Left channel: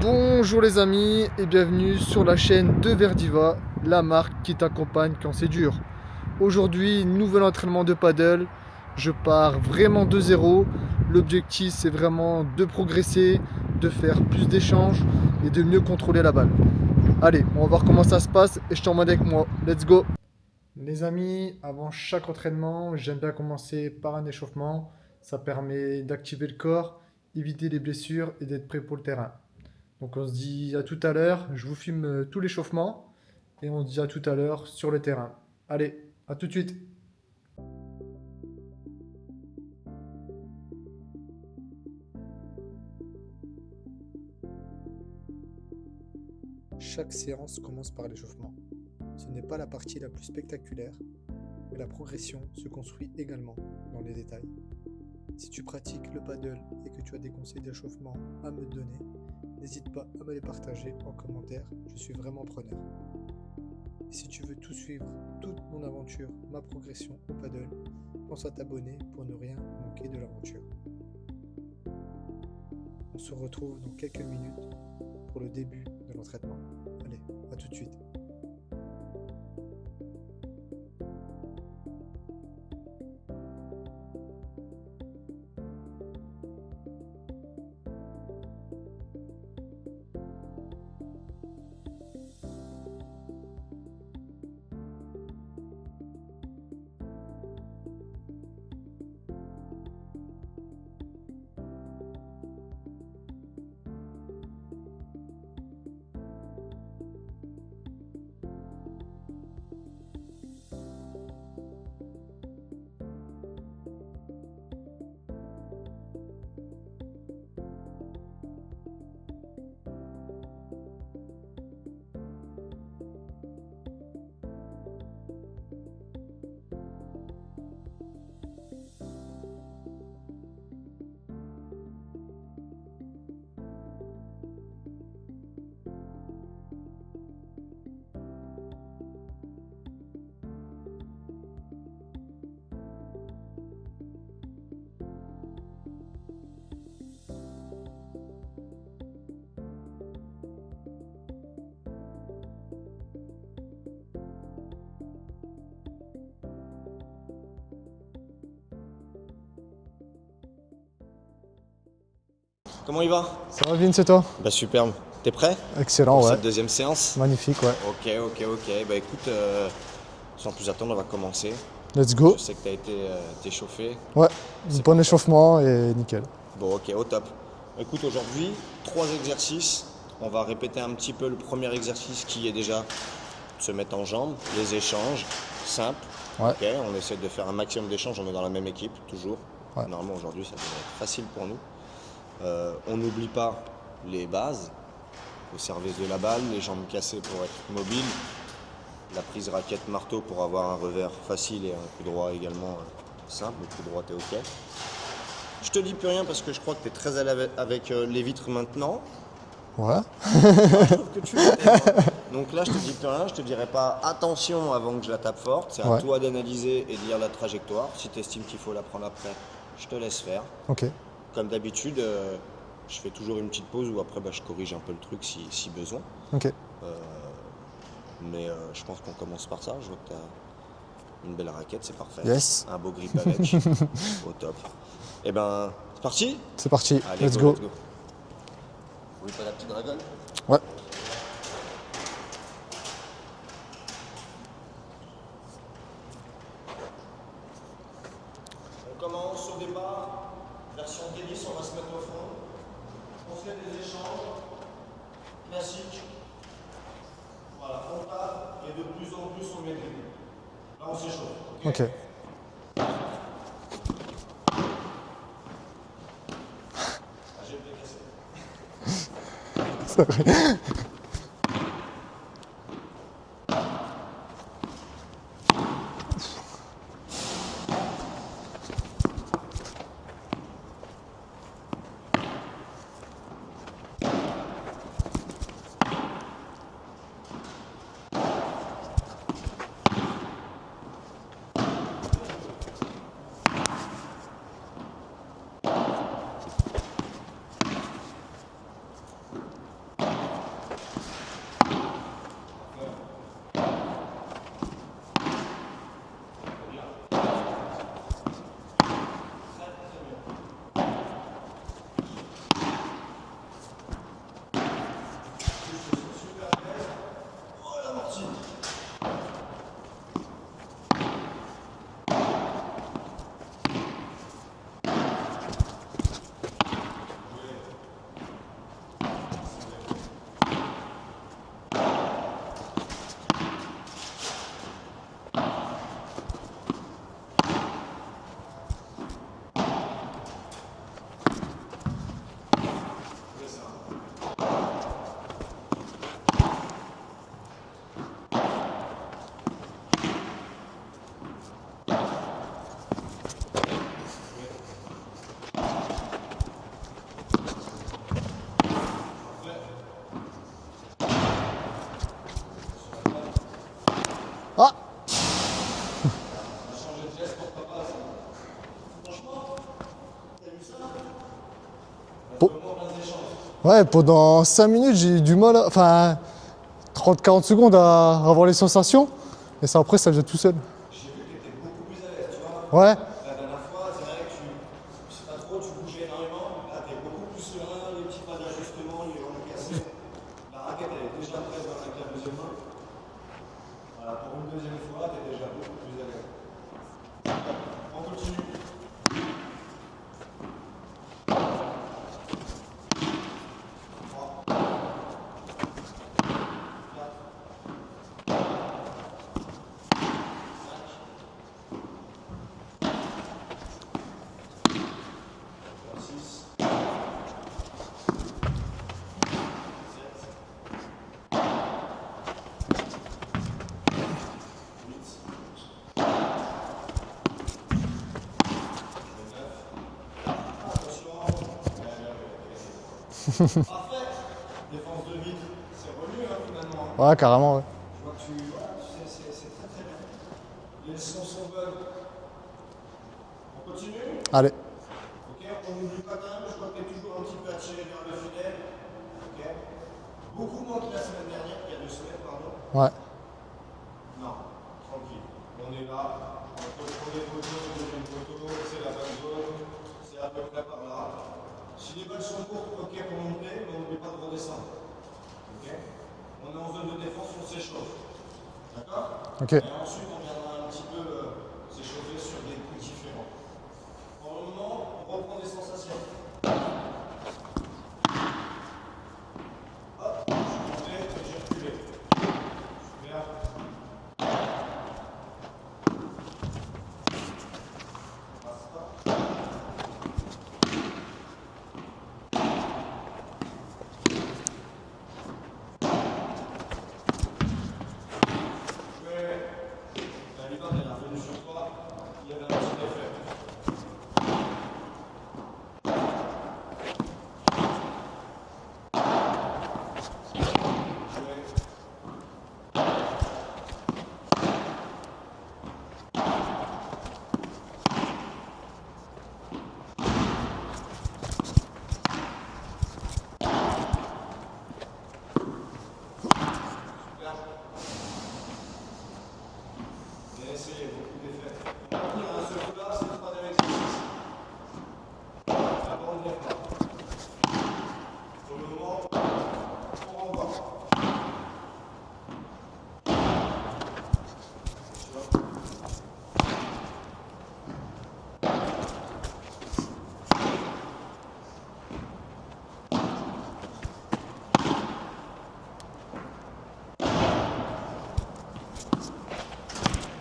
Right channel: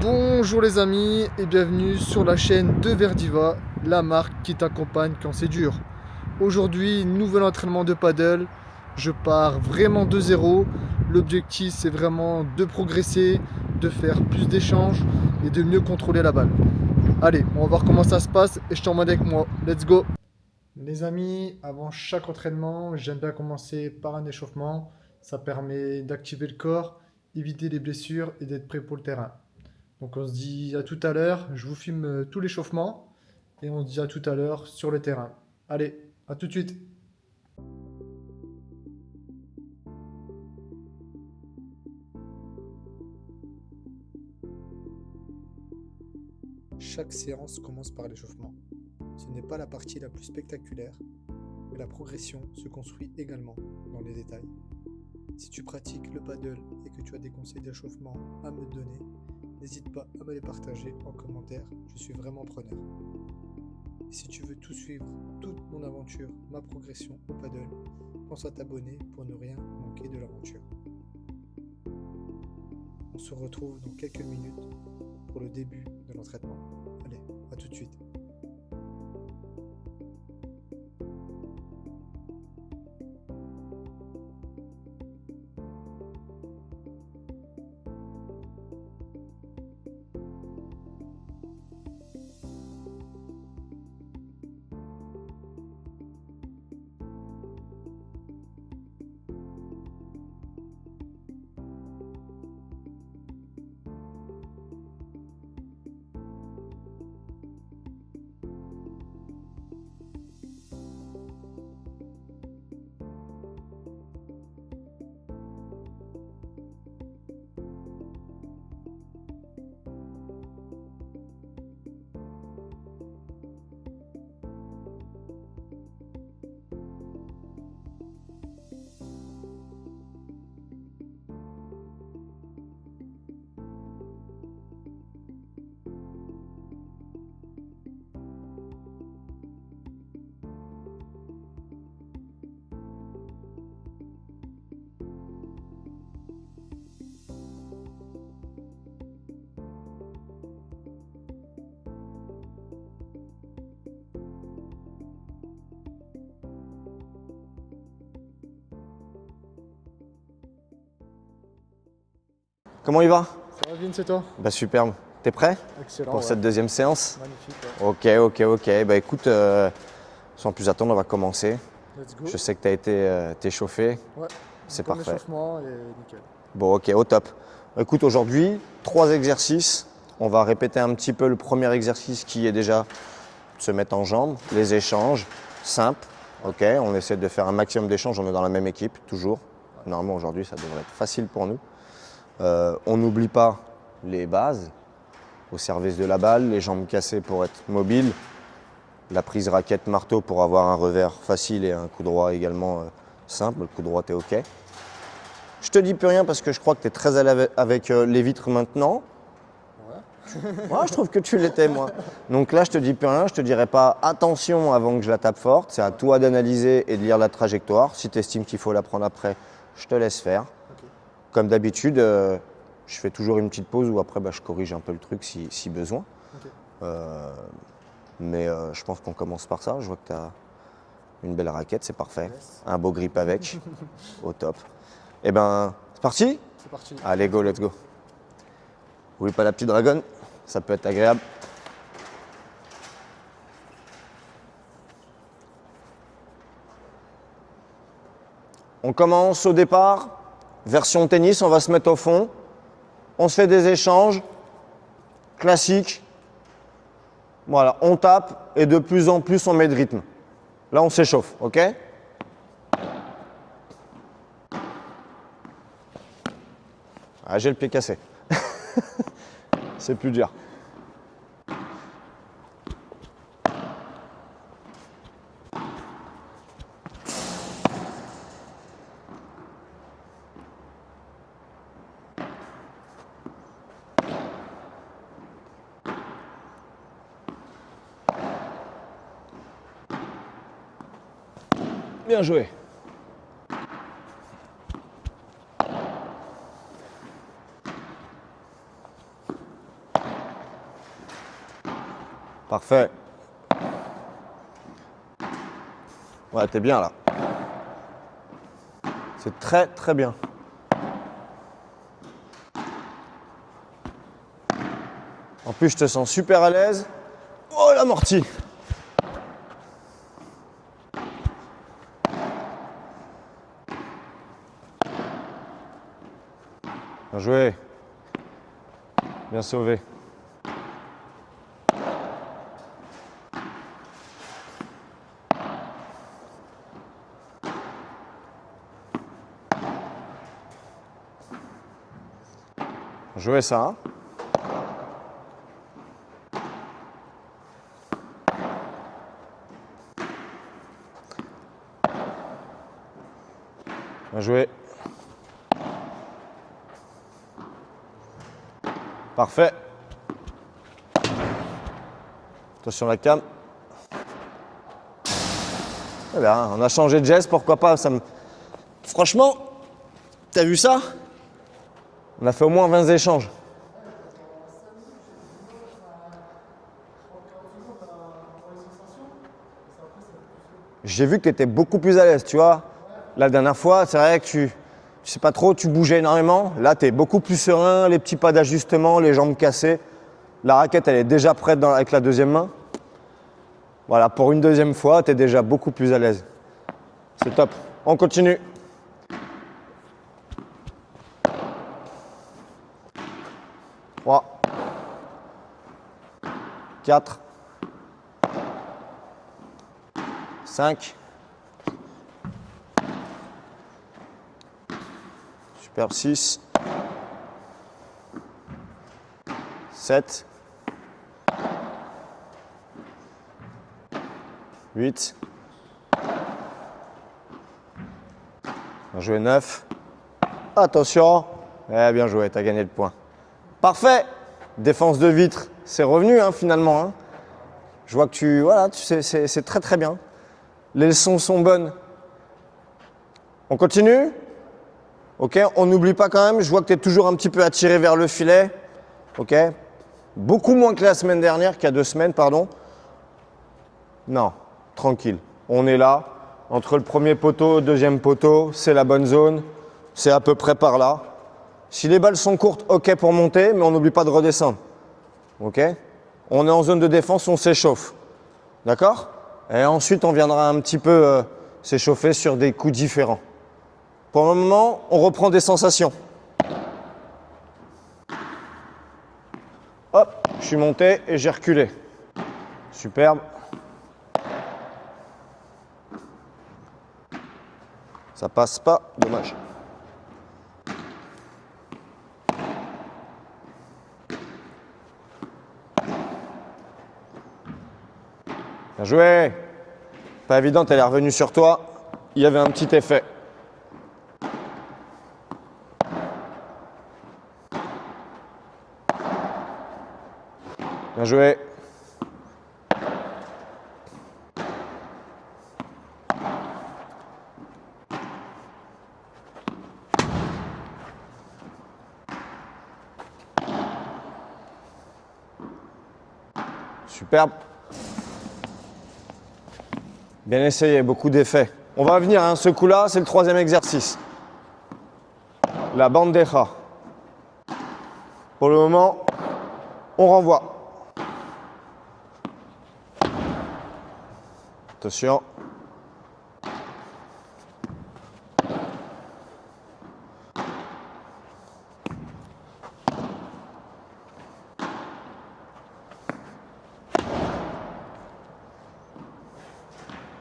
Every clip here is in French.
Bonjour les amis et bienvenue sur la chaîne de Verdiva, la marque qui t'accompagne quand c'est dur. Aujourd'hui, nouvel entraînement de paddle. Je pars vraiment de zéro. L'objectif c'est vraiment de progresser, de faire plus d'échanges et de mieux contrôler la balle. Allez, on va voir comment ça se passe et je t'emmène avec moi. Let's go! Les amis, avant chaque entraînement, j'aime bien commencer par un échauffement. Ça permet d'activer le corps, éviter les blessures et d'être prêt pour le terrain. Donc on se dit à tout à l'heure, je vous filme tout l'échauffement et on se dit à tout à l'heure sur le terrain. Allez, à tout de suite. Chaque séance commence par l'échauffement. Ce n'est pas la partie la plus spectaculaire, mais la progression se construit également dans les détails. Si tu pratiques le paddle et que tu as des conseils d'échauffement à me donner, n'hésite pas à me les partager en commentaire, je suis vraiment preneur. Et si tu veux tout suivre, toute mon aventure, ma progression au paddle, pense à t'abonner pour ne rien manquer de l'aventure. On se retrouve dans quelques minutes pour le début de l'entraînement. Allez, à tout de suite. Comment il va? Ça va Vince et toi? Bah superbe. T'es prêt Excellent, pour ouais. cette deuxième séance? Magnifique, ouais. Ok. Bah écoute, sans plus attendre, on va commencer. Let's go. Je sais que t'as été chauffé. Ouais, C'est bon parfait. échauffement et nickel. Bon ok, au top. Écoute, aujourd'hui, 3 exercices. On va répéter un petit peu le premier exercice qui est déjà de se mettre en jambes, les échanges, simples. Ouais. Ok, on essaie de faire un maximum d'échanges, on est dans la même équipe, toujours. Ouais. Normalement aujourd'hui, ça devrait être facile pour nous. On n'oublie pas les bases, au service de la balle, les jambes cassées pour être mobile, la prise raquette marteau pour avoir un revers facile et un coup droit également simple. Le coup droit t'es ok. Je te dis plus rien parce que je crois que tu es très à l'aise avec les vitres maintenant. Ouais. Ouais, je trouve que tu l'étais moi. Donc là je te dis plus rien, je te dirai pas attention avant que je la tape forte. C'est à Ouais. toi d'analyser et de lire la trajectoire. Si tu estimes qu'il faut la prendre après, je te laisse faire. Ok. Comme d'habitude, je fais toujours une petite pause où après je corrige un peu le truc si besoin. Ok. Mais je pense qu'on commence par ça. Je vois que tu as une belle raquette, c'est parfait. Yes. Un beau grip avec. Au top. Eh ben, c'est parti? C'est parti. Allez, let's go. Oublie pas la petite dragonne, ça Ouais. peut être agréable. On commence au départ, version tennis, on va se mettre au fond. On se fait des échanges classiques. Voilà, on tape et de plus en plus on met de rythme. Là, on s'échauffe, ok? Ok. Ah, j'ai le pied cassé. C'est plus dur. Bien joué. Parfait. Ouais, t'es bien là. C'est très très bien. En plus, je te sens super à l'aise. Oh, l'amorti. Bien joué. Bien sauvé. Bien joué ça. Hein. Bien joué. Parfait. Attention la cam. Ah! Eh bien, on a changé de geste, pourquoi pas ça me... Franchement, t'as vu ça? On a fait au moins 20 échanges. Ouais, pendant 5 minutes, j'ai eu du mal, enfin 30-40 secondes à avoir les sensations. Et ça, après, ça vient tout seul. J'ai vu que tu étais beaucoup plus à l'aise, tu vois. Ouais. La dernière fois, c'est vrai que tu sais pas trop, tu bougeais énormément. Là, tu es beaucoup plus serein, les petits pas d'ajustement, les jambes cassées. La raquette, elle est déjà prête avec la deuxième main. Voilà, pour une deuxième fois, tu es déjà beaucoup plus à l'aise. C'est top. On continue. Trois. 4. 5. Super 6. 7. 8. Bien joué 9. Attention. Eh, bien joué, tu as gagné le point. Parfait. Défense de vitre, c'est revenu hein, finalement. Hein. Ouais, carrément, ouais. Je vois que voilà, c'est très très bien. Les leçons sont bonnes. On continue? Allez. Ok, on n'oublie pas quand même, je vois que tu es toujours un petit peu attiré vers le filet. Ok. Beaucoup moins que la semaine dernière, qu'il y a 2 semaines, pardon. Ouais. Non, tranquille. On est là, entre le premier poteau, le deuxième poteau, c'est la bonne zone. C'est à peu près par là. Si les balles sont courtes, ok pour monter, mais on n'oublie pas de redescendre. Ok. On est en zone de défense, on s'échauffe. D'accord? Ok. Et ensuite, on viendra un petit peu s'échauffer sur des coups différents. Pour le moment, on reprend des sensations. Hop, je suis monté et j'ai reculé. Superbe. Ça passe pas, dommage. Bien joué. Pas évident, elle est revenue sur toi. Il y avait un petit effet. Bien joué. Superbe. Bien essayé, beaucoup d'effets. On va venir, hein, ce coup-là, c'est le 3e exercice. La bandeja. Pour le moment, on renvoie. Attention.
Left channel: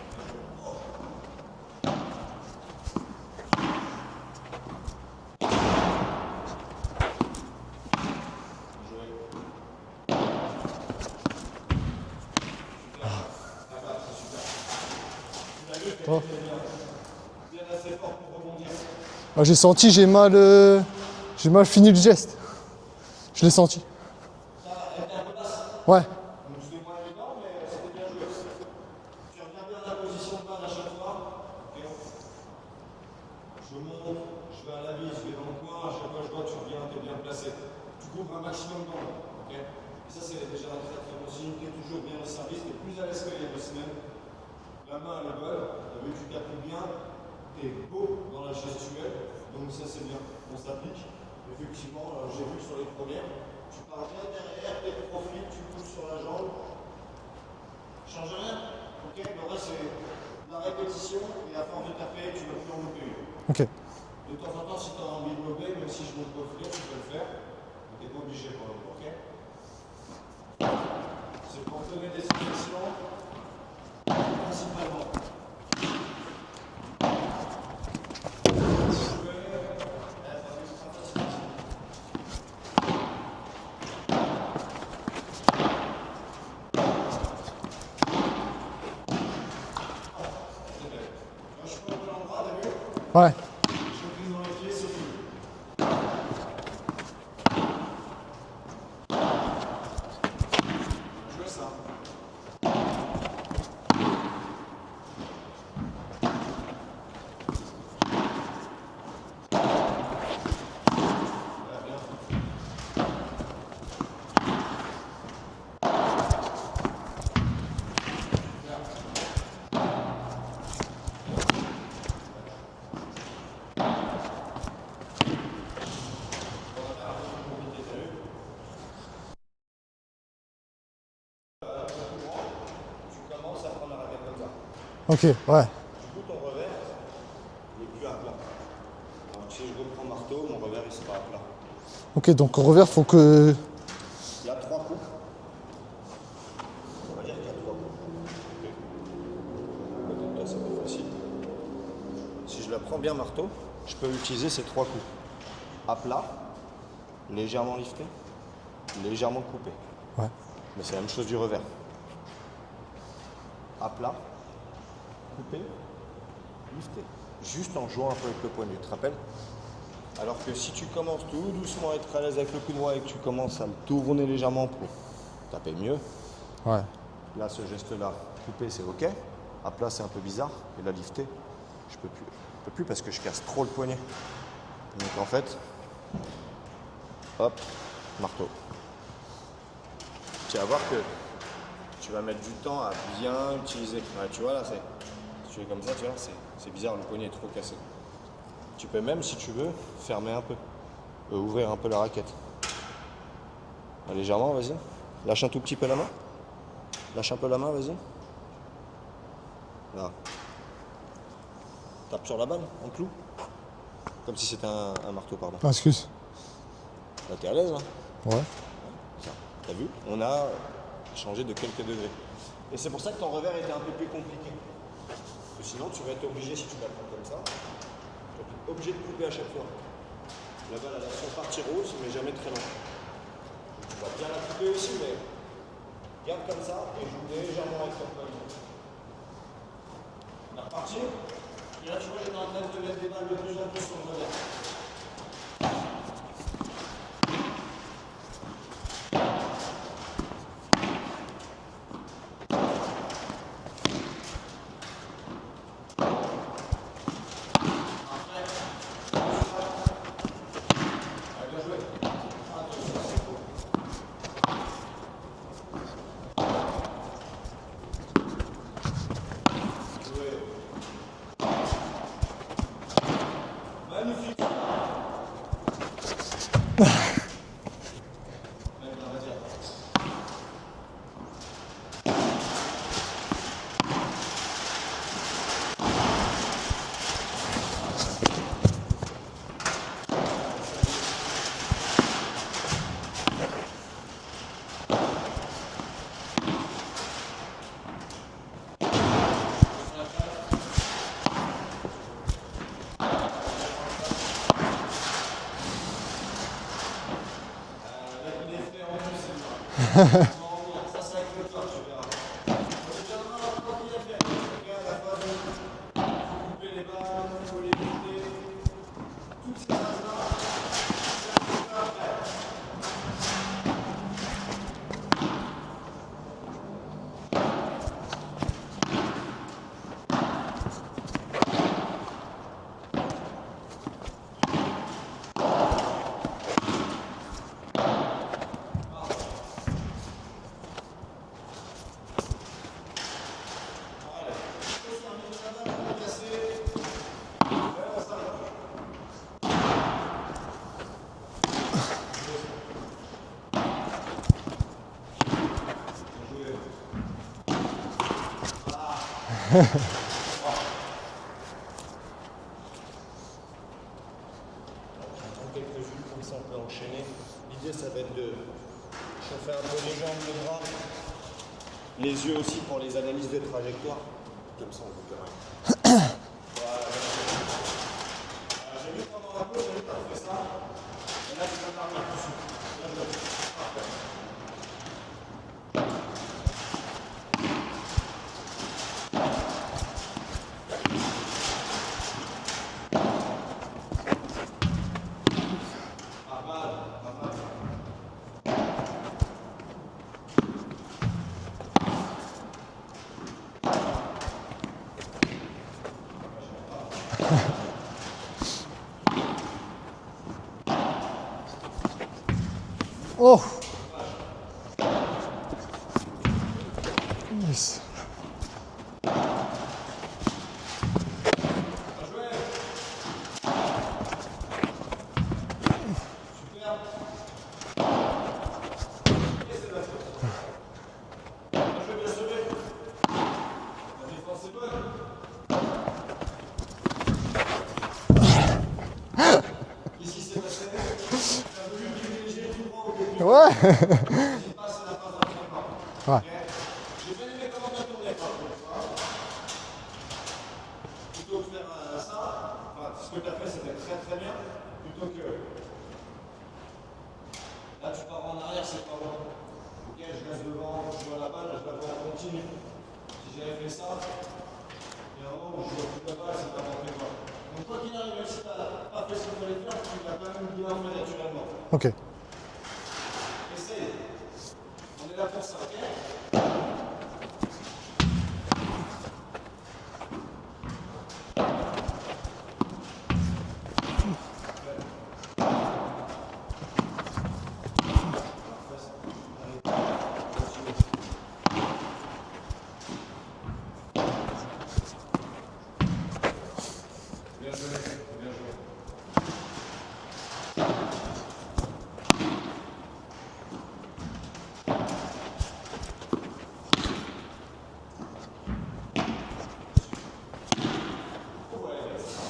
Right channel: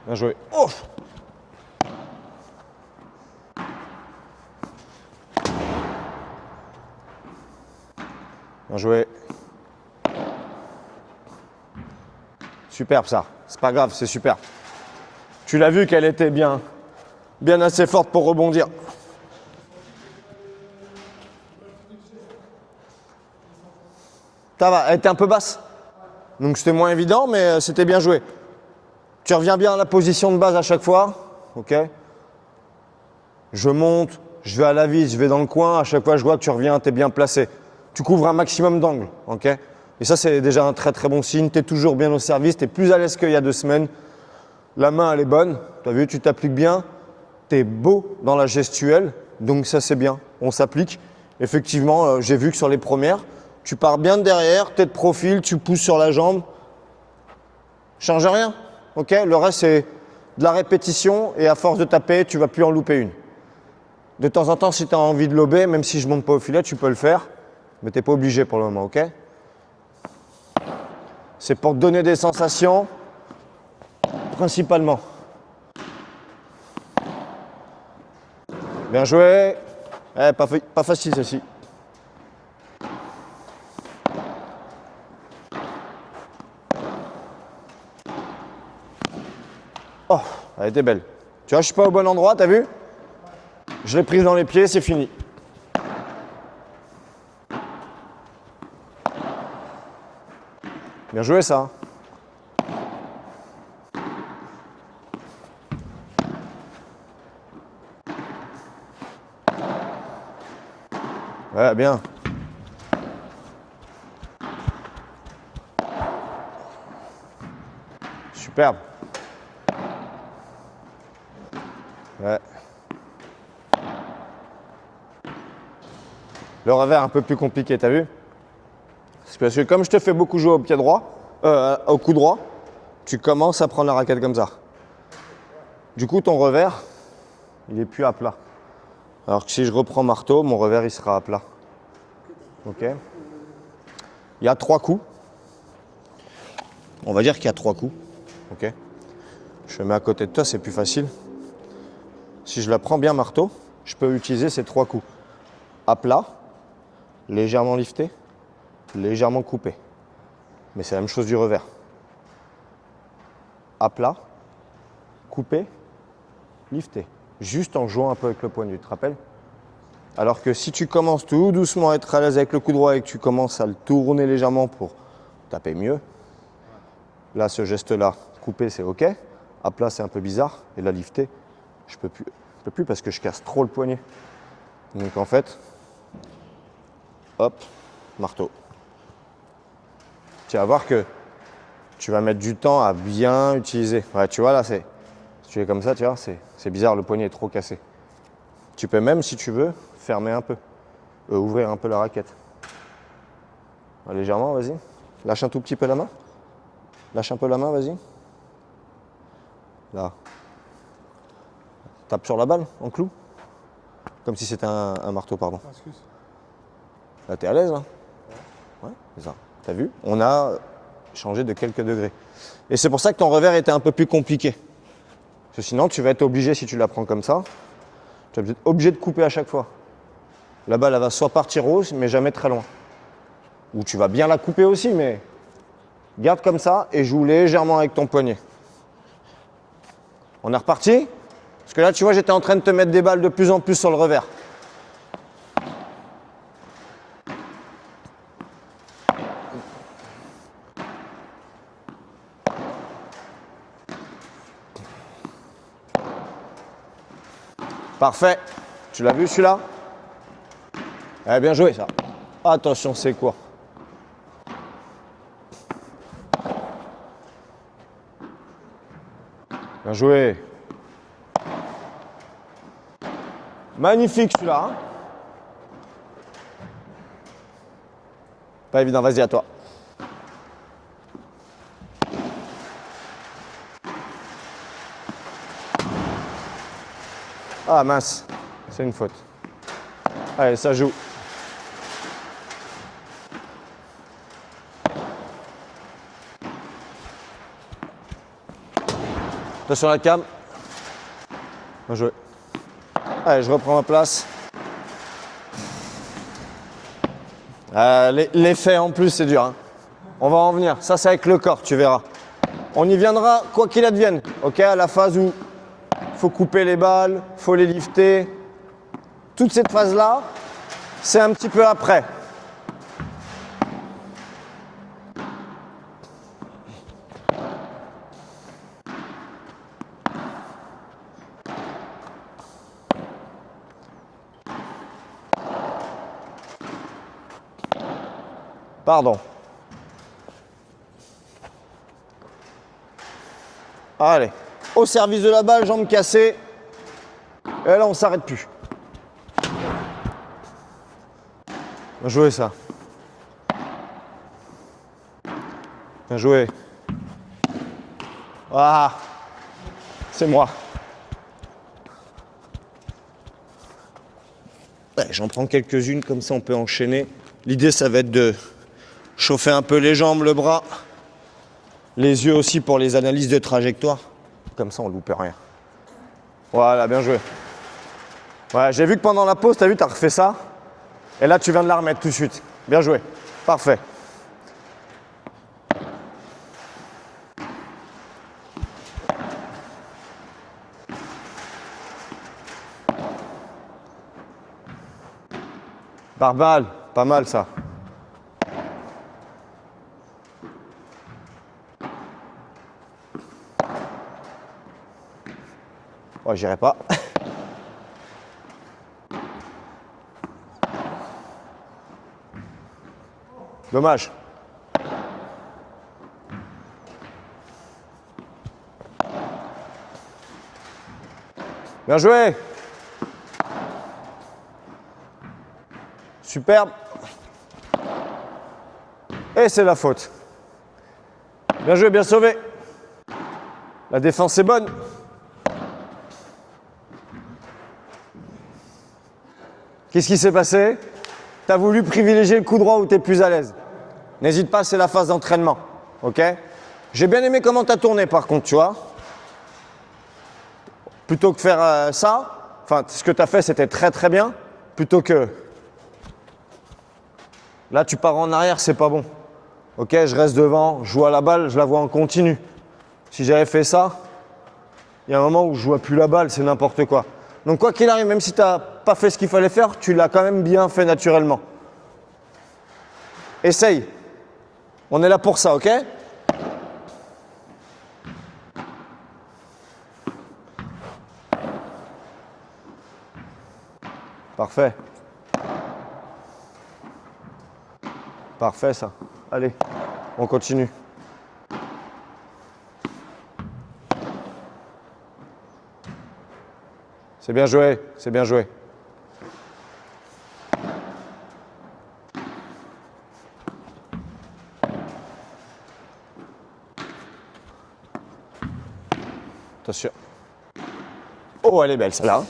Bien joué. Oh! Bien joué. Superbe ça. C'est pas grave, c'est super. Tu l'as vu qu'elle était bien assez forte pour rebondir. Moi, j'ai senti, j'ai mal fini le geste. Je l'ai senti. Ça va, elle était un peu basse. Ouais. Donc c'était moins évident, mais c'était bien joué. Tu reviens bien à la position de base à chaque fois. Ok. Je monte, je vais à la vis, je vais dans le coin. À chaque fois, je vois que tu reviens, tu es bien placé. Tu couvres un maximum d'angles. Ok. Et ça, c'est déjà un très très bon signe. Tu es toujours bien au service, tu es plus à l'aise qu'il y a 2 semaines. La main, elle est bonne. Tu as vu, tu t'appliques bien. Tu es beau dans la gestuelle. Donc ça, c'est bien. On s'applique. Effectivement, j'ai vu que sur les premières, tu pars bien de derrière, tu es de profil, tu pousses sur la jambe. Change rien. Ok. Le reste, c'est de la répétition. Et à force de taper, tu ne vas plus en louper une. Ok. De temps en temps, si tu as envie de lober, même si je ne monte pas au filet, tu peux le faire. Mais tu n'es pas obligé pour le moment. Ok. C'est pour te donner des sensations, principalement. Bien joué. Pas facile ceci. Oh, elle était belle. Tu vois, je suis pas au bon endroit, t'as vu? Ouais. Je l'ai prise dans les pieds, c'est fini. Bien joué ça. Ouais, bien. Superbe. Ouais. Le revers un peu plus compliqué, t'as vu? C'est parce que comme je te fais beaucoup jouer au pied droit, au coup droit, tu commences à prendre la raquette comme ça. Ok, ouais. Du coup, ton revers, il est plus à plat. Alors que si je reprends marteau, mon revers, il sera à plat. Ok, donc au revers, Ok. faut que... Il y a 3 coups. On va dire qu'il y a 3 coups. Ok. Je le mets à côté de toi, c'est plus facile. Si je la prends bien marteau, je peux utiliser ces 3 coups. À plat, légèrement lifté, légèrement coupé. Ouais. Mais c'est la même chose du revers. À plat, coupé, lifté. Juste en jouant un peu avec le poignet, tu te rappelles? Alors que si tu commences tout doucement à être à l'aise avec le coup droit et que tu commences à le tourner légèrement pour taper mieux, Ouais. là, ce geste-là, coupé, c'est OK. À plat, c'est un peu bizarre. Et là, lifté, je peux plus parce que je casse trop le poignet. Donc en fait, hop, marteau. Tu vas voir que tu vas mettre du temps à bien utiliser. Ouais, tu vois, là, si tu es comme ça, tu vois, c'est bizarre, le poignet est trop cassé. Tu peux même, si tu veux, fermer un peu. Ouvrir un peu la raquette. Légèrement, vas-y. Lâche un tout petit peu la main. Lâche un peu la main, vas-y. Là. Tape sur la balle, en clou. Comme si c'était un marteau, pardon. Ah, excuse. Là, t'es à l'aise, là? Ouais. Ouais, c'est ça. T'as vu? On a changé de quelques degrés. Et c'est pour ça que ton revers était un peu plus compliqué. Parce que sinon, tu vas être obligé, si tu la prends comme ça, tu vas être obligé de couper à chaque fois. La balle, elle va soit partir haut, mais jamais très loin. Ou tu vas bien la couper aussi, mais garde comme ça et joue légèrement avec ton poignet. On est reparti? Parce que là, tu vois, j'étais en train de te mettre des balles de plus en plus sur le revers. Parfait. Tu l'as vu celui-là? Eh, bien joué ça. Attention, c'est quoi? Bien joué. Magnifique celui-là. Hein. Pas évident, vas-y à toi. Ah mince, c'est une faute. Allez, ça joue. Attention à la cam. Bien joué. Allez, je reprends ma place. L'effet en plus, c'est dur. Hein. On va en venir. Ça, c'est avec le corps, tu verras. On y viendra quoi qu'il advienne. Ok, à la phase où il faut couper les balles, il faut les lifter. Toute cette phase-là, c'est un petit peu après. Pardon. Allez, au service de la balle, jambes cassées. Et là, on ne s'arrête plus. Bien joué ça. Bien joué. Ah, c'est moi. Ouais, j'en prends quelques-unes, comme ça on peut enchaîner. L'idée, ça va être de chauffer un peu les jambes, le bras. Les yeux aussi pour les analyses de trajectoire. Comme ça, on ne loupe rien. Voilà, bien joué. Ouais, j'ai vu que pendant la pause, tu as vu, tu as refait ça. Et là, tu viens de la remettre tout de suite. Bien joué. Parfait. Par balle, pas mal ça. Oh, j'irai pas. Oh, Dommage. yes. Bien joué. Superbe. Et c'est la faute. Bien joué, bien sauvé. La défense est bonne. Qu'est-ce qui s'est passé? Tu as voulu privilégier le coup droit où tu es plus à l'aise. N'hésite pas, c'est la phase d'entraînement. Ok? J'ai bien aimé comment tu as tourné par contre, tu vois. Plutôt que faire ça, enfin, ce que tu as fait, c'était très très bien. Plutôt que. Là, tu pars en arrière, c'est pas bon. Ok, je reste devant, je joue à la balle, je la vois en continu. Si j'avais fait ça, il y a un moment où je vois plus la balle, c'est n'importe quoi. Donc quoi qu'il arrive, même si tu n'as pas fait ce qu'il fallait faire, tu l'as quand même bien fait naturellement. Ok. Essaye. On est là pour ça, ok? Parfait. Parfait ça. Allez, on continue. C'est bien joué, c'est bien joué. Attention. Oh, elle est belle celle-là.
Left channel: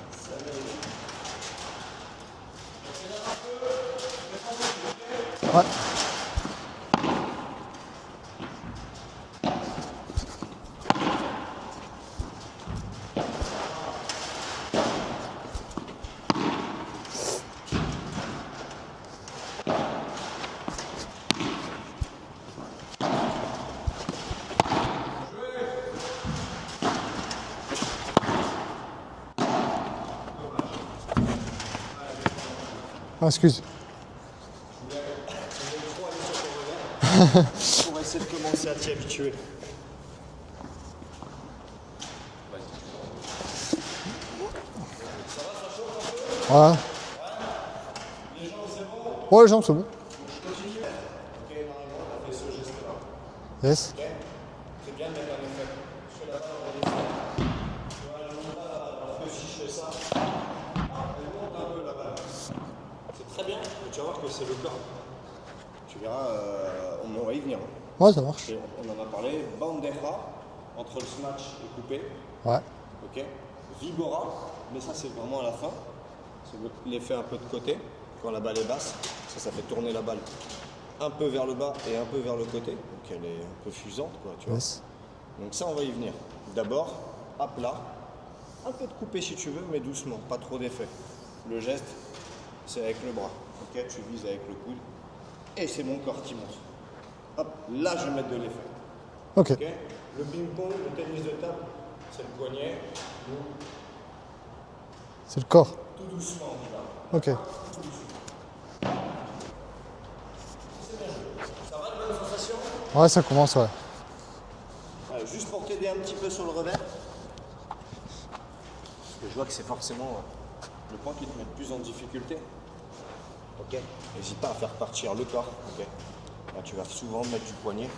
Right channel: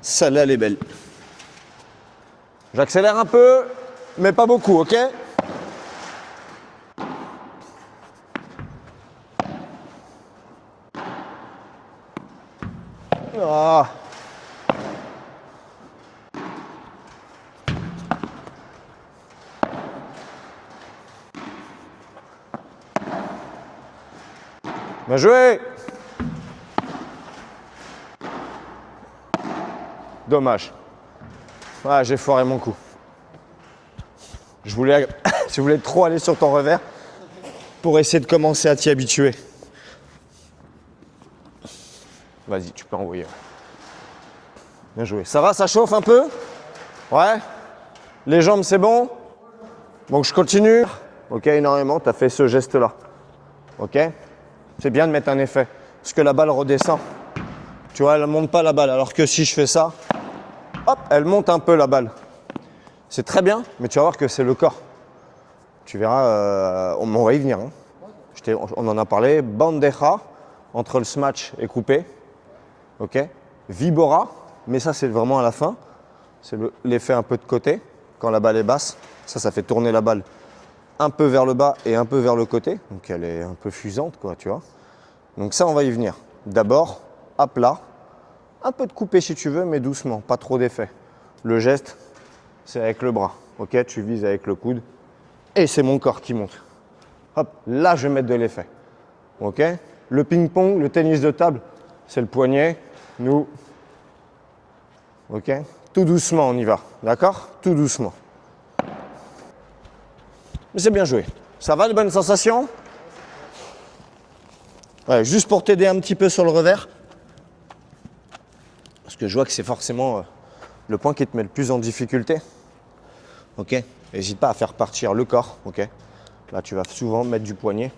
Celle-là, elle est belle. J'accélère un peu, mais pas beaucoup, ok? Ouais. Ah. Bien joué. Dommage. Ah, j'ai foiré mon coup. Ah, excuse. Je voulais trop aller sur ton revers pour essayer de commencer à t'y habituer. Vas-y, tu peux envoyer. Bien joué. Ça va, ça chauffe un peu? Ouais. Ouais? Les jambes, c'est bon? Ouais, les jambes, c'est bon. Donc je continue. Ok, énormément, tu as fait ce geste-là. Yes. Ok? C'est bien de mettre un effet. Parce que la balle redescend. Tu vois, elle ne monte pas la balle. Alors que si je fais ça, hop, elle monte un peu la balle. C'est très bien, mais tu vas voir que c'est le corps. Tu verras, on va y venir. Hein. Ouais, ça marche. On en a parlé. Bandeja, entre le smash et coupé. Ouais. Ok? Vibora, mais ça c'est vraiment à la fin. C'est l'effet un peu de côté, quand la balle est basse. Ça fait tourner la balle un peu vers le bas et un peu vers le côté. Donc elle est un peu fusante, quoi, tu vois. Yes. Donc ça, on va y venir. D'abord, à plat. Un peu de coupé si tu veux, mais doucement, pas trop d'effet. Le geste, c'est avec le bras. Ok, tu vises avec le coude. Et c'est mon corps qui monte. Hop, là, je vais mettre de l'effet. Ok. Ok. Le ping-pong, le tennis de table, c'est le poignet. Nous, C'est ok. le corps. Tout doucement, on y va. D'accord? Ok. Tout doucement. Mais c'est bien joué. Ça va, de bonnes sensations? Ouais, ça commence, ouais. Ouais, juste pour t'aider un petit peu sur le revers. Parce que je vois que c'est forcément le point qui te met le plus en difficulté. Ok. N'hésite pas à faire partir le corps. Ok. Là, tu vas souvent mettre du poignet.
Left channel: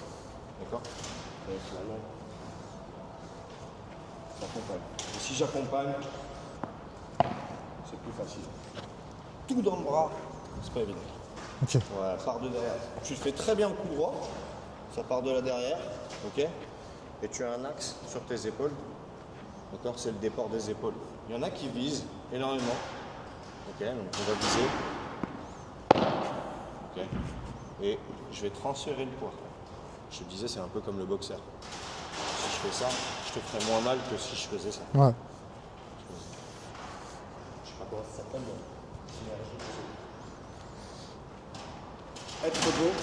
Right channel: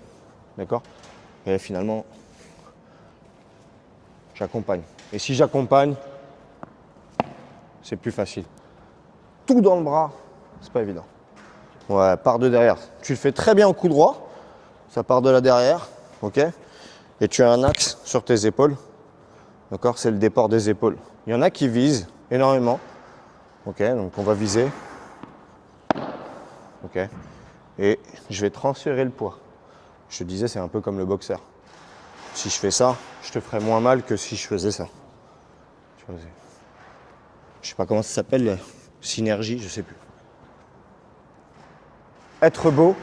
D'accord. Et finalement, j'accompagne. Et si j'accompagne, c'est plus facile. Tout dans le bras, c'est pas évident. Ok. Ouais, part de derrière. Tu le fais très bien au coup droit, ça part de là derrière, ok? Et tu as un axe sur tes épaules, d'accord? C'est le départ des épaules. Il y en a qui visent énormément, ok? Donc on va viser, ok? Et je vais transférer le poids. Je te disais, c'est un peu comme le boxeur. Si je fais ça, je te ferais moins mal que si je faisais ça. Ouais. Je sais pas comment ça s'appelle, synergie, je sais plus. Être beau,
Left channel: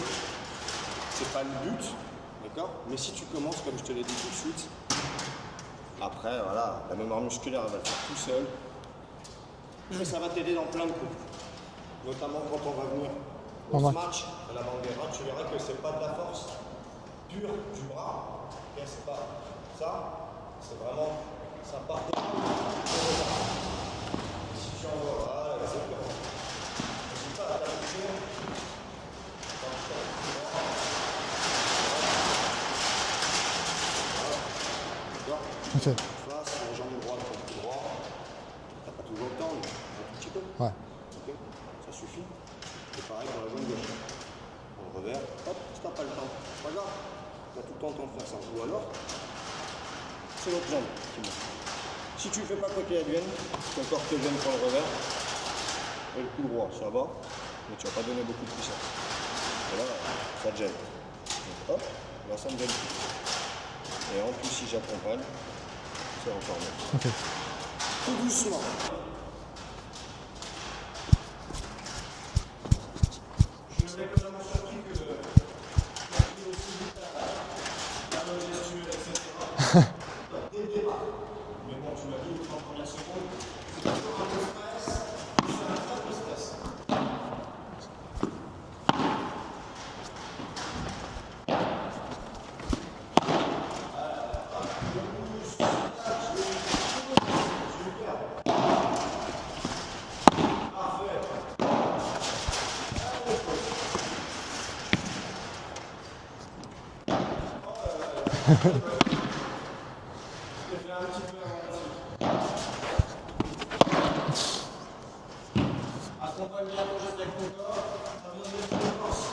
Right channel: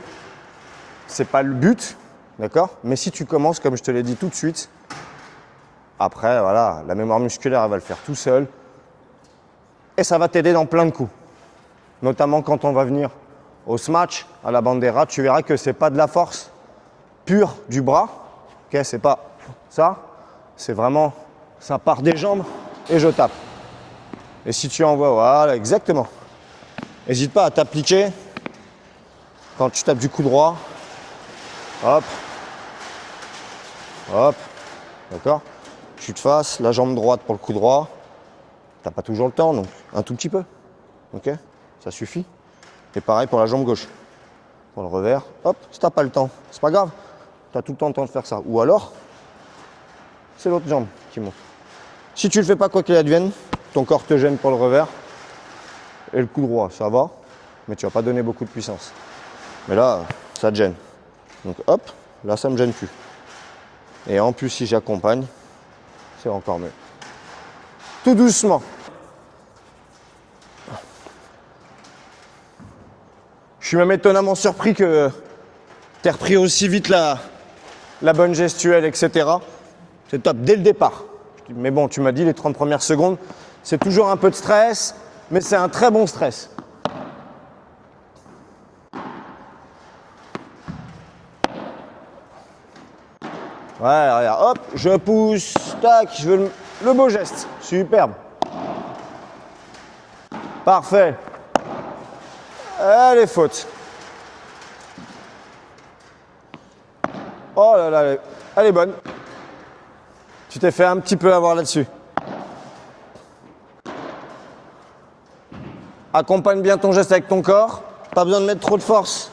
c'est pas le but, d'accord? Mais si tu commences, comme je te l'ai dit tout de suite, après, voilà, la mémoire musculaire, elle va le faire tout seul. Et ça va t'aider dans plein de coups. Notamment quand on va venir au smash, à la bandera, tu verras que c'est pas de la force pure du bras. Ok, c'est pas ça. C'est vraiment, ça part des jambes et je tape. Et si tu envoies, voilà, exactement. N'hésite pas à t'appliquer quand tu tapes du coup droit. Hop. Hop. D'accord? Ok. Tu te fasses la jambe droite pour le coup droit. T'as pas toujours le temps, donc un tout petit peu. Ouais. Ok? Ça suffit. Et pareil pour la jambe gauche. Pour le revers, hop, si t'as pas le temps, c'est pas grave. Tu as tout le temps de faire ça. Ou alors, c'est l'autre jambe qui monte. Si tu le fais pas quoi qu'il advienne, ton corps te gêne pour le revers. Et le coup droit, ça va, mais tu vas pas donner beaucoup de puissance. Mais là, ça te gêne. Donc hop, là ça me gêne plus. Et en plus, si j'accompagne, c'est encore mieux. Ok. Tout doucement. Je suis même étonnamment surpris que tu aies repris aussi vite la bonne gestuelle, etc. C'est top, dès le départ. Mais bon, tu m'as dit les 30 premières secondes, c'est toujours un peu de stress, mais c'est un très bon stress. Ouais, regarde, hop, je pousse, tac, je veux le beau geste. Superbe. Parfait. Elle est faute. Oh là là, elle est bonne. Tu t'es fait un petit peu avoir là-dessus. Accompagne bien ton geste avec ton corps. Pas besoin de mettre trop de force.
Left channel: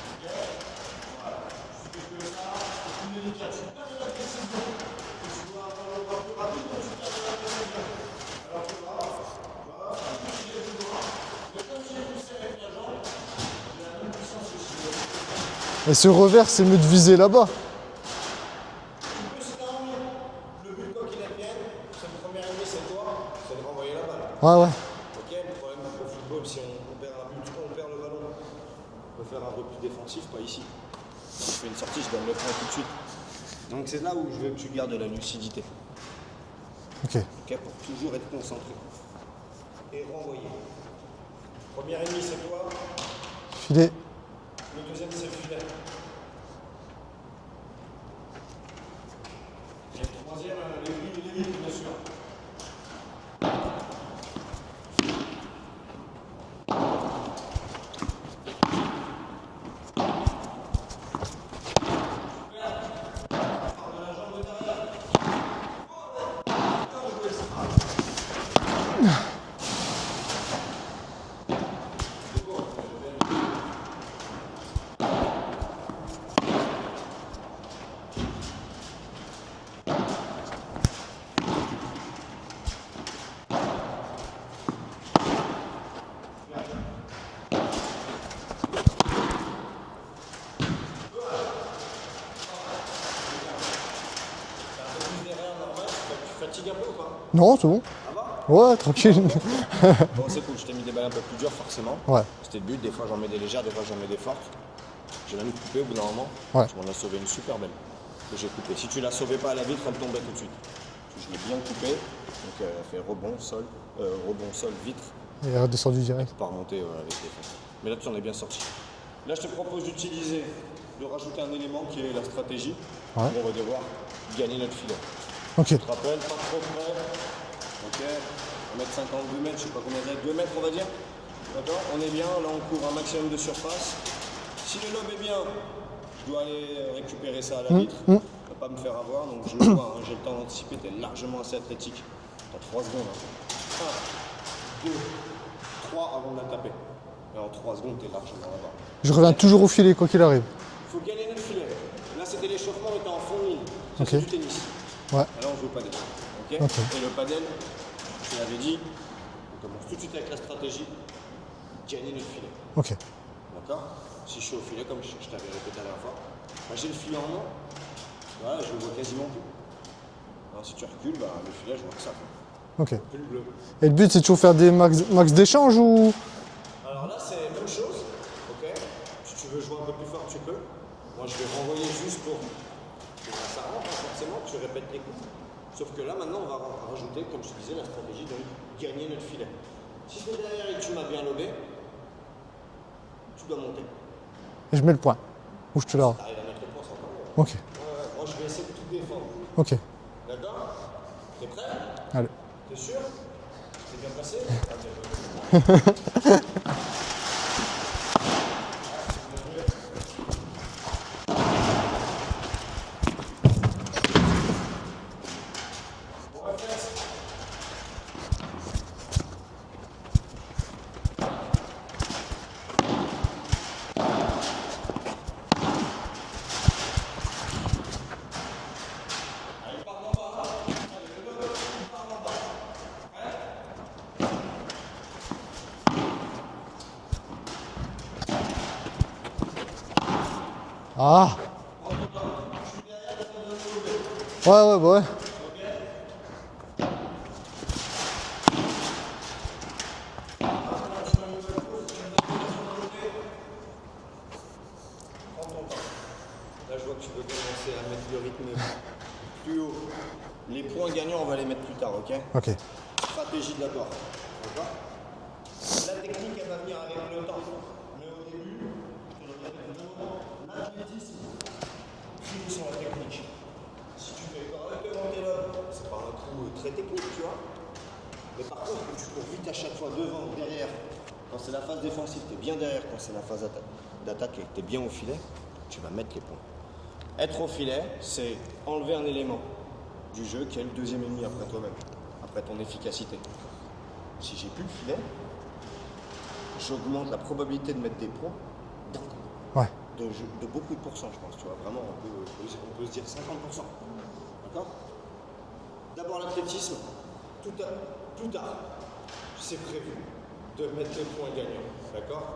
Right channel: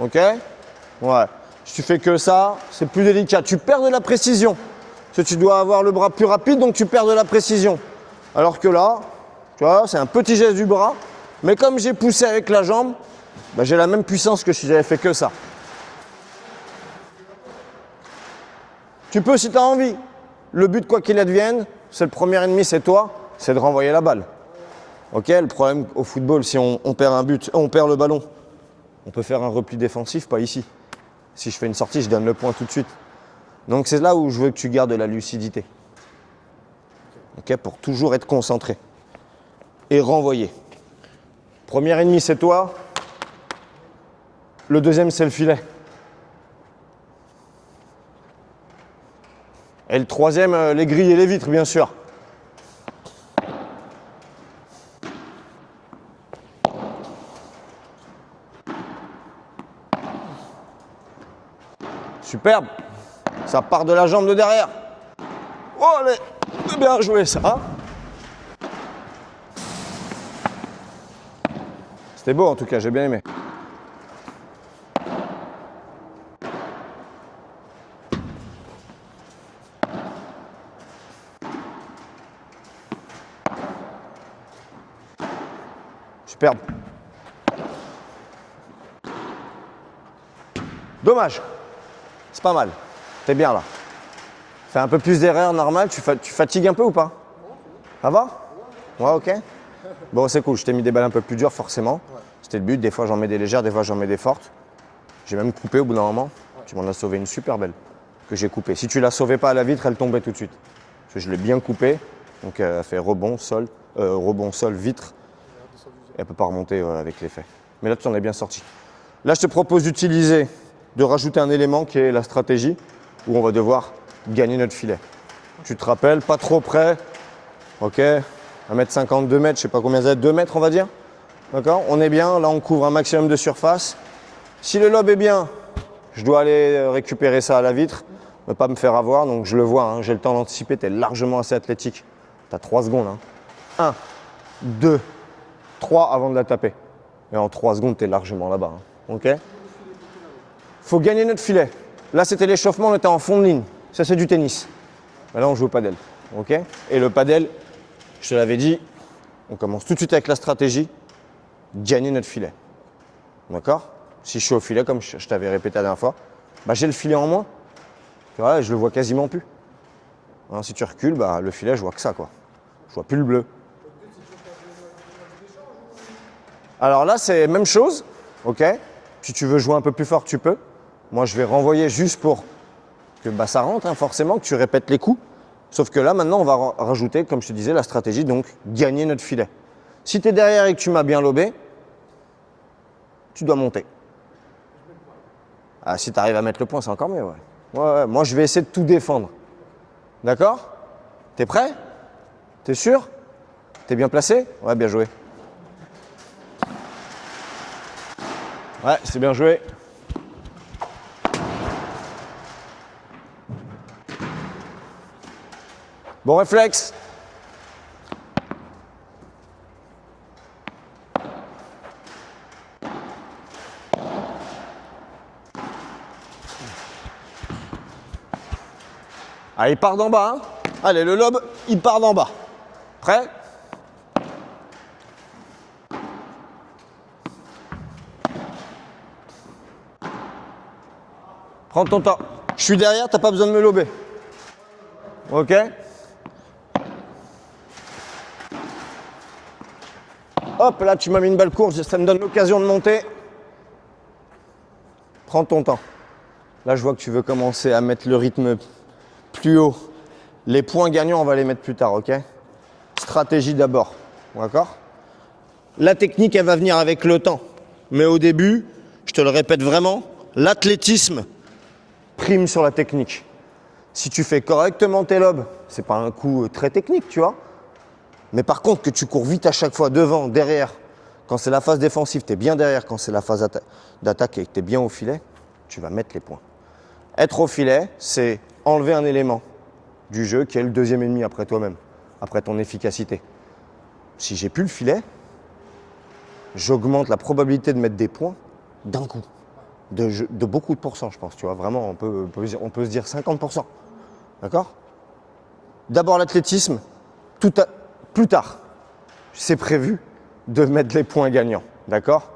Ok? Ouais. Si tu fais que ça, c'est plus délicat. Tu perds de la précision. Parce que tu dois avoir le bras plus rapide, donc tu perds de la précision. Alors que là, tu vois, c'est un petit geste du bras. Mais comme j'ai poussé avec la jambe, bah, j'ai la même puissance que si j'avais fait que ça. Et ce revers, c'est mieux de viser là-bas. Tu peux si tu as envie. Le but, quoi qu'il advienne, c'est le premier ennemi, c'est toi, c'est de renvoyer la balle. Ouais, ouais. Ok, le problème au football, si on perd un but, on perd le ballon, on peut faire un repli défensif, pas ici. Si je fais une sortie, je donne le point tout de suite. Donc c'est là où je veux que tu gardes la lucidité. Ok. Ok, pour toujours être concentré. Et renvoyer. Premier ennemi, c'est toi. Filet. Le deuxième, c'est le filet. Et le troisième, les grilles et les vitres, bien sûr. Superbe. Ça part de la jambe de derrière. Oh, allez, bien joué ça. C'était beau en tout cas, j'ai bien aimé. Superbe. Dommage. C'est pas mal. T'es bien là. Fais un peu plus d'erreurs normales. Tu fatigues un peu ou pas? Non, c'est bon. Ça va? Ouais, tranquille. Ouais, ok. Bon, c'est cool. Je t'ai mis des balles un peu plus dures, forcément. Ouais. C'était le but. Des fois, j'en mets des légères, des fois, j'en mets des fortes. J'ai même coupé au bout d'un moment. Ouais. Tu m'en as sauvé une super belle que j'ai coupée. Si tu la sauvais pas à la vitre, elle tombait tout de suite. Parce que je l'ai bien coupée. Donc, elle a fait rebond, sol, vitre. Et elle est redescendue Elle direct. peut pas remonter avec l'effet. Mais là, tu en es bien sorti. Là, je te propose d'utiliser, de rajouter un élément qui est la stratégie, où on va devoir gagner notre filet. Ok. Tu te rappelles, pas trop près. Ok, 1m50, 2 mètres, je sais pas combien ça va être, 2 mètres on va dire. D'accord, on est bien, là on couvre un maximum de surface. Si le lobe est bien, je dois aller récupérer ça à la vitre. Ne pas me faire avoir, donc je le vois, hein, j'ai le temps d'anticiper, tu es largement assez athlétique. Tu as 3 secondes. 1, 2, 3 avant de la taper. Et en 3 secondes, tu es largement là-bas. Hein. Je reviens toujours au filet, quoi qu'il arrive. Faut gagner notre filet. Là, c'était l'échauffement, on était en fond de ligne. Ça, c'est du tennis. Ouais. Là, on joue au padel. Ok. Et le padel, je te l'avais dit, on commence tout de suite avec la stratégie, gagner notre filet. Ok. D'accord. Si je suis au filet, comme je t'avais répété la dernière fois, bah, j'ai le filet en moins. Ouais, je le vois quasiment plus. Hein, si tu recules, bah, le filet, je vois que ça, quoi. Ok. Je vois plus le bleu. Et le but, c'est toujours faire des max d'échange ou... Alors là, c'est même chose. Ok. Si tu veux jouer un peu plus fort, tu peux. Moi, je vais renvoyer juste pour que bah, ça rentre, hein, forcément, que tu répètes les coups. Sauf que là, maintenant, on va rajouter, comme je te disais, la stratégie, donc gagner notre filet. Si tu es derrière et que tu m'as bien lobé, tu dois monter. Et je mets le point. Ah, si tu arrives à mettre le point, c'est encore mieux. Ouais. Ok. Ouais, moi, je vais essayer de tout défendre. Ok. D'accord? T'es prêt? Allez. T'es sûr? T'es bien placé? Ouais, bien joué. Ouais, c'est bien joué. Bon réflexe. Ah, il part d'en bas. Hein. Allez, le lobe, il part d'en bas. Prêt? Ah. Prends ton temps. Je suis derrière, t'as pas besoin de me lober. Ouais, ouais. Ok? Hop, là, tu m'as mis une balle courte, ça me donne l'occasion de monter. Prends ton temps. Là, je vois que tu veux commencer à mettre le rythme plus haut. Les points gagnants, on va les mettre plus tard, ok? Ok. Stratégie d'abord, d'accord? La technique, elle va venir avec le temps. Mais au début, je te le répète vraiment, l'athlétisme prime sur la technique. Si tu fais correctement tes lobes, c'est pas un coup très technique, tu vois. Mais par contre, que tu cours vite à chaque fois, devant, derrière, quand c'est la phase défensive, tu es bien derrière, quand c'est la phase d'attaque et que tu es bien au filet, tu vas mettre les points. Être au filet, c'est enlever un élément du jeu qui est le deuxième ennemi après toi-même, après ton efficacité. Si j'ai plus le filet, j'augmente la probabilité de mettre des points d'un coup. Ouais. De beaucoup de pourcents, je pense. Tu vois, vraiment, on peut se dire 50%. D'accord? D'abord l'athlétisme, plus tard, c'est prévu de mettre les points gagnants. D'accord?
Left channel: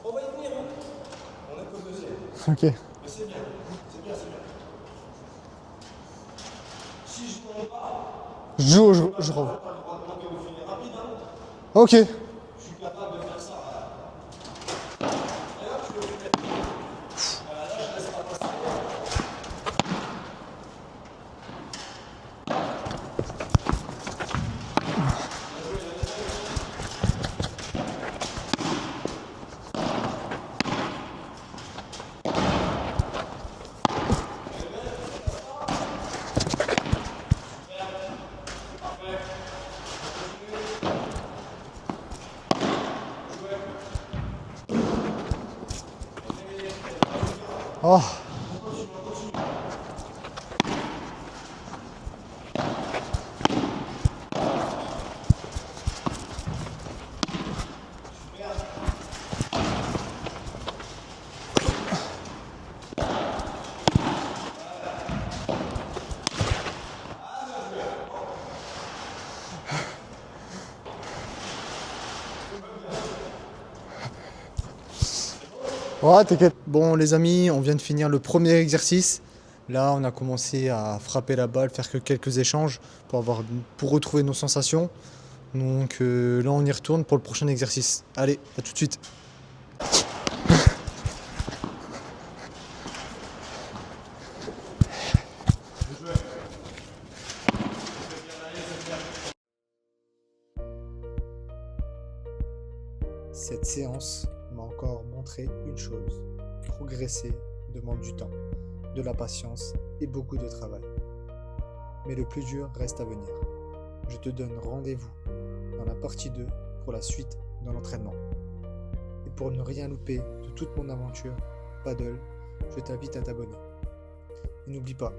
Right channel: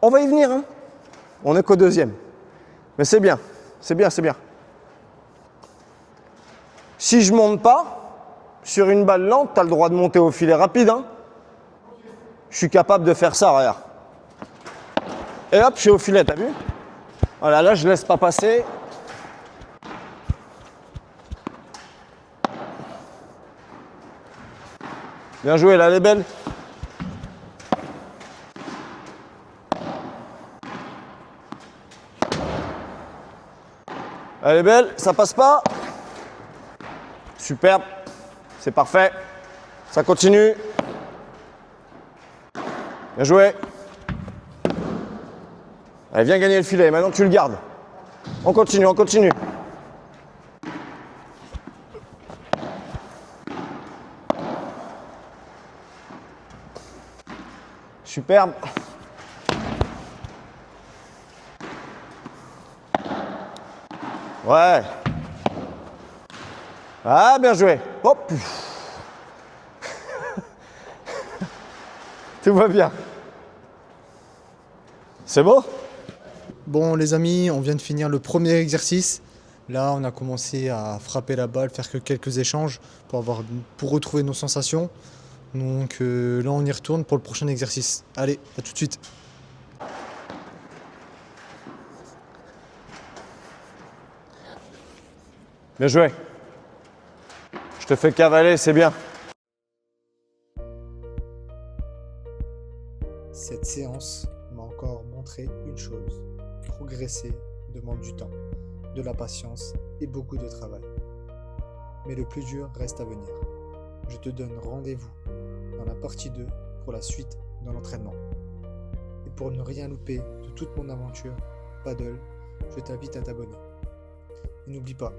On va y venir, hein? On n'est qu'au deuxième. Ok. Mais c'est bien, c'est bien, c'est bien. Si je monte pas, sur une balle lente, tu as le droit de monter au filet rapide. Hein? Ok. Je suis capable de faire ça, regarde. Et hop, je suis au filet, t'as vu? Voilà, là, je laisse pas passer. Bien joué, là, elle est belle. Elle est belle, ça passe pas. Superbe, c'est parfait. Ça continue. Bien joué. Allez, viens gagner le filet, maintenant tu le gardes. Oh. On continue, on continue. Superbe. Ouais. Ah, bien joué. Hop. Tout va bien. C'est beau? Ouais, t'inquiète. Bon, les amis, on vient de finir le premier exercice. Là, on a commencé à frapper la balle, faire que quelques échanges pour retrouver nos sensations. Donc là, on y retourne pour le prochain exercice. Allez, à tout de suite. Bien joué. Je te fais cavaler, c'est bien. Cette séance m'a encore montré une chose. Progresser demande du temps, de la patience et beaucoup de travail. Mais le plus dur reste à venir. Je te donne rendez-vous dans la partie 2 pour la suite de l'entraînement. Et pour ne rien louper de toute mon aventure paddle, je t'invite à t'abonner. Et n'oublie pas,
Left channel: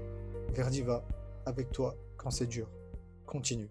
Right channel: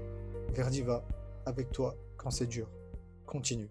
Verdi va avec toi quand c'est dur. Continue.